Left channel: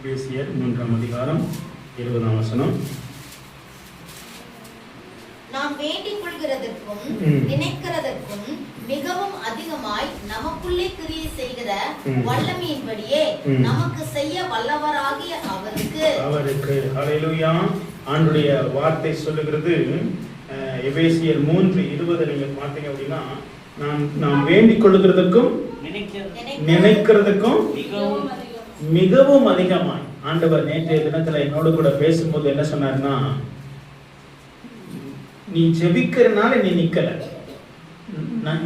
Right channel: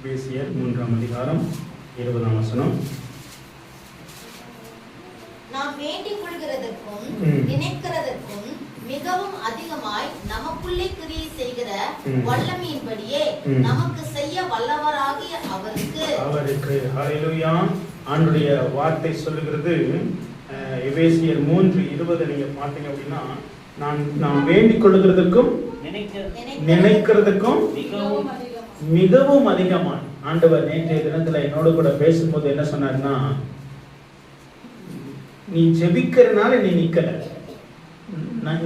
எபேசியர் 3ஆம் அதிகாரம் 20ஆம் வசனம். நாம் வேண்டிக் கொள்கிறதற்கும் நினைக்கிறதற்கும் மிகவும் அதிகமாய் நமக்குள்ளே கிரியை செய்கிற வல்லமையின்படியே நமக்கு செய்ய வல்லவராகிய அவருக்கு ஹல்லேலூயா. ஆண்டுடைய வார்த்தை சொல்லுகிறது, எபேசியர் 3:20 நீங்க பார்த்தீங்க அப்படின்னா, நாம் வேண்டிக் கொள்கிறதற்கும் நினைக்கிறதுக்கும் மிகவும் அதிகமாய். ஆண்டவர் நேற்றைய தினத்துல என்னோடு கூட பேசும்போது என்ன சொன்னார்னா, நீ ஜெபிக்கிறனால நீ நிக்கல,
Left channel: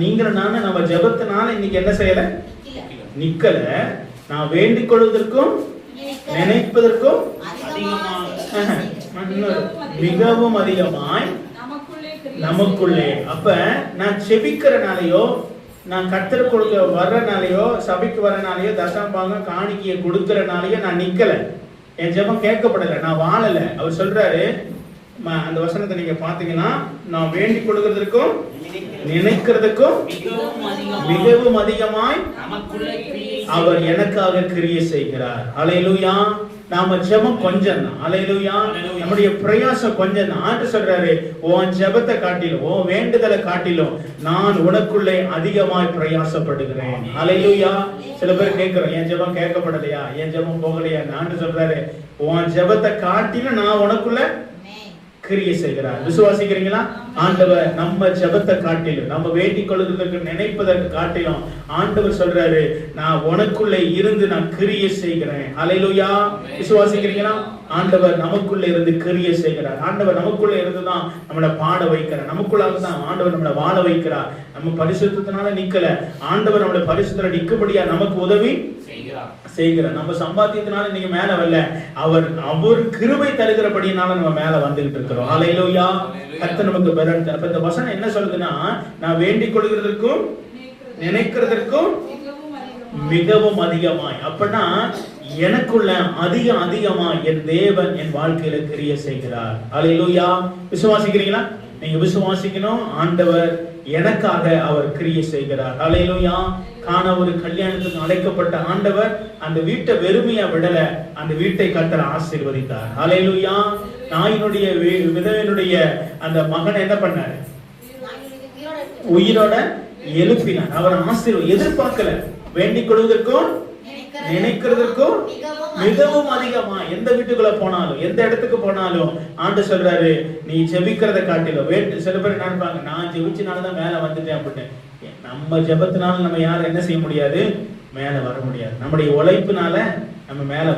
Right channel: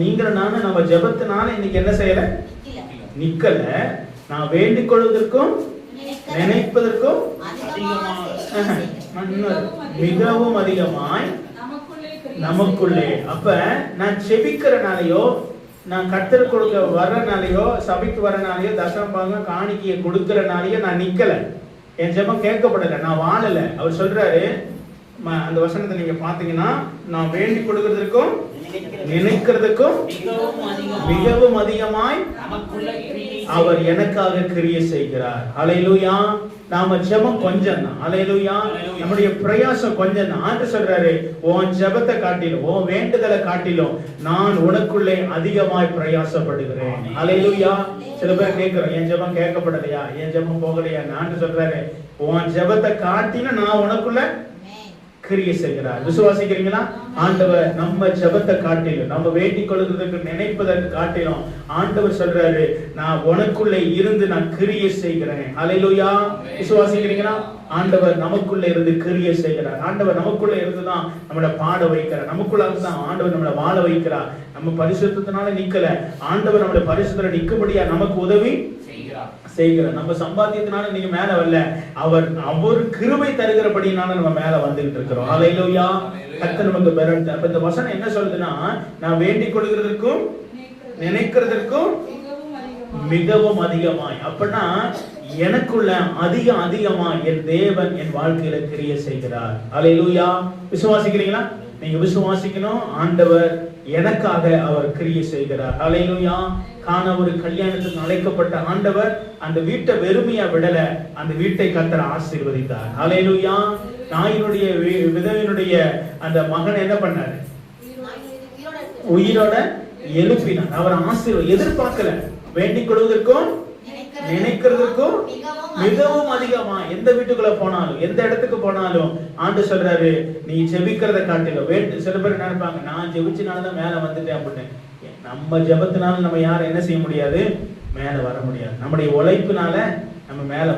நீங்கிறனால நம்ம ஜெபத்தினால இன்னைக்கு என்ன செய்யல, நிக்கல. நான் வேண்டிக் கொள்வதற்கும் நினைப்பதற்கும் மிகவும் அதிகமாய் நமக்குள்ளே. அப்ப நான் ஜெபிக்கிறனாலயோ, நான் கர்த்தர் கொடுக்க வர்றனாலயோ, சபைக்கு வர்றனாலயோ, தசமபாகம் காணிக்கையை கொடுக்கறனாலயோ நான் நிக்கல, என் ஜெபம் கேட்கப்படல, நான் வாழல. அவர் சொல்றாரு, அந்த வசனத்தை நீங்க பாத்தீங்கன்னா, நான் வேண்டிக் கொள்கிறதற்கும் நினைக்கிறதுக்கும் மிகவும் அதிகமாய் அவர் எனக்காக கிரியை செய்கிறார். ஹல்லேலூயா. நாம ஜெபம் கொஞ்சம் தான். ஹல்லேலூயா. நம்முடைய பிரயாசம் கொஞ்சம் தான். ஆண்டு சொல்றாரு, உன் ஜெபத்தை காட்டிலும், உன் வேண்டுதலை காட்டிலும் நான் உனக்குள்ளே அதிகமாய் பிரயாசப்படுகிறேன். ஹல்லேலூயா. சில பேர் கேட்கிறோம், என் ஜெபம் கேட்கப்படலையா, என் ஜெபம் போகலையா. ஆண்டு சொல்றாரு, உன் ஜெபத்தை காட்டிலும் நான் உனக்குள்ள கிரியை செய்கிறார். விசுவாசிக்கிறீங்களா? ஆண்டவர் நம்ம ஜெபத்தை காட்டிலும், நம்ம வேண்டிக் கொள்வதற்கு நினைப்பதற்கு காட்டிலும் ஆண்டவர் சொல்றாரு, நான் உனக்குள்ளே இருந்து நான் கிரியை செய்கிறேன். ஹல்லேலூயா. விசுவாசிக்கிறீங்களா? ஆண்டவர் நமக்குள்ள இருந்து கிரியை செய்கிறார். ஆண்டவர் நமக்குள்ள இருந்துதான் நம்மளை பாட வைக்கிறார். நமக்குள்ள தான் ஆண்டவர் நம்மளை வாழ வைக்கிறார். நம்ம பரிசுத்தத்தினால நிக்கல, ஆண்டவர் நம்மளை பரிசுத்தத்துல நிக்கும்படியா நமக்கு உதவி செய்கிறார். நம்ம சம்பாத்தியத்தினால நீங்க மேல வரல, அவர் கிருபை தருகிறபடினால நம்ம மேல வந்துகிட்டு இருக்கிறோம். ஹல்லேலூயா. கர்த்தர் நமக்கு பலன். அப்ப இந்த வசனம் என்ன சொல்லுதுன்னா, நான் வேண்டிக் கொள்கிறதற்கும் நினைக்கிறதற்கும் மிகவும் அதிகமாய். அப்பனா எனக்குள்ள அதிகமாய் என் தேவன் என் வாழ்க்கையில கிரியை செய்கிறார். ஹல்லேலூயா. விசுவாசிக்கிறீங்களா? நீங்க விசுவாசிக்கணும், ஆண்டவர் எனக்காக அவர் கிரியை செய்கிறார். ஹல்லேலூயா. காண ஒரு கல்யாணத்துக்கு அழைக்கப்பட்ட ஆண்டவர் அந்த வீட்டை வெறுமையா விடல, அந்த வீட்டை கர்த்தர் ஆசீர்வதித்தார். ஹல்லேலூயா. நாயினுடைய விதவையினுடைய அந்த மகன் என்ன பண்ணார்? உயிரோட எழுப்பினார். அவர் எதிர்பார்க்கல. வேண்டிக் கொள்வதற்கும் நினைக்கிறதுக்கும் மிகவும் அதிகமா. எந்த வீட்டுக்குள்ள போனாலும், எந்த இடத்துக்கு போனாலும் ஆண்டு சொல்றாரு, நீ ஜெபிக்கிறத காட்டிலும் சில பேர் நினைப்பாங்க, நான் ஜெபிச்சனாலதான் மேல வந்துட்டேன் அப்படின்னு. நம்ம ஜெபத்தினால நம்ம யாரும் என்ன செய்ய முடியாது, மேல வர முடியாது. நம்முடைய உழைப்பினால நம்ம மேல